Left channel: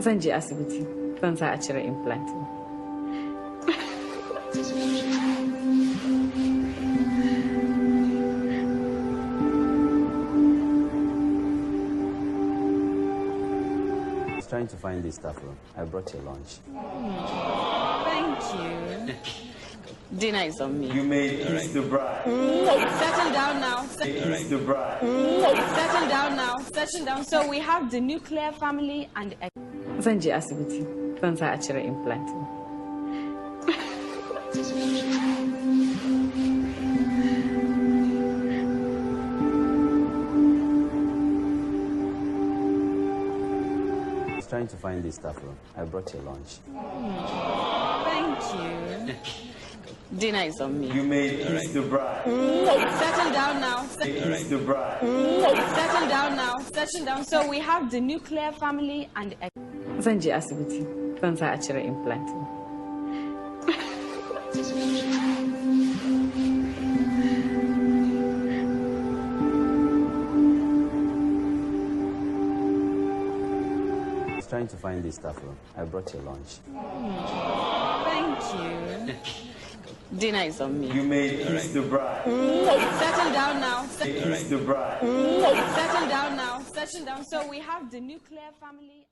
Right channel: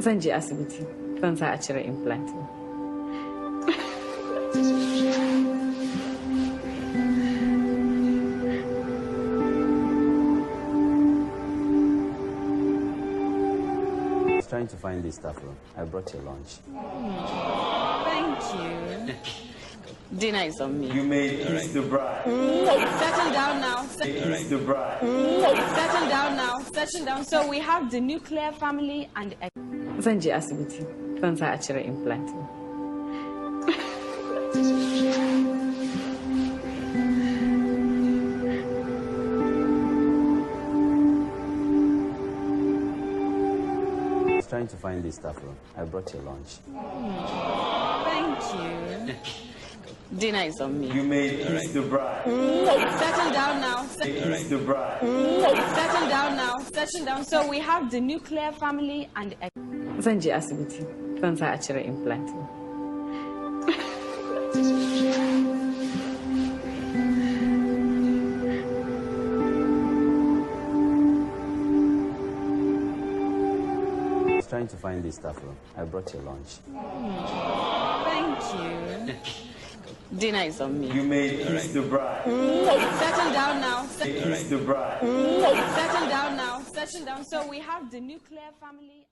Zan je asibiti. Zan sa a cire implant. I was trying to find this stuff. I brought your lunch. Thank you. Dinner is on me. You made it the bride. Settle down now. It's the bride. Settle down now. Settle down. So we have the nuclear family and... Zan je asibiti. Zan sa a cire implant. I was trying to find this stuff. I brought your lunch. Thank you. Dinner is on me. You made it the bride. Settle down now. It's the bride. Settle down now. Settle down. So we have the nuclear family and... Zan je asibiti. Zan sa a cire implant. I was trying to find this stuff. I brought your lunch. Thank you. Dinner is on me. You made it the bride. Settle down now. It's the bride. Settle down now. Settle down. So we have the nuclear family.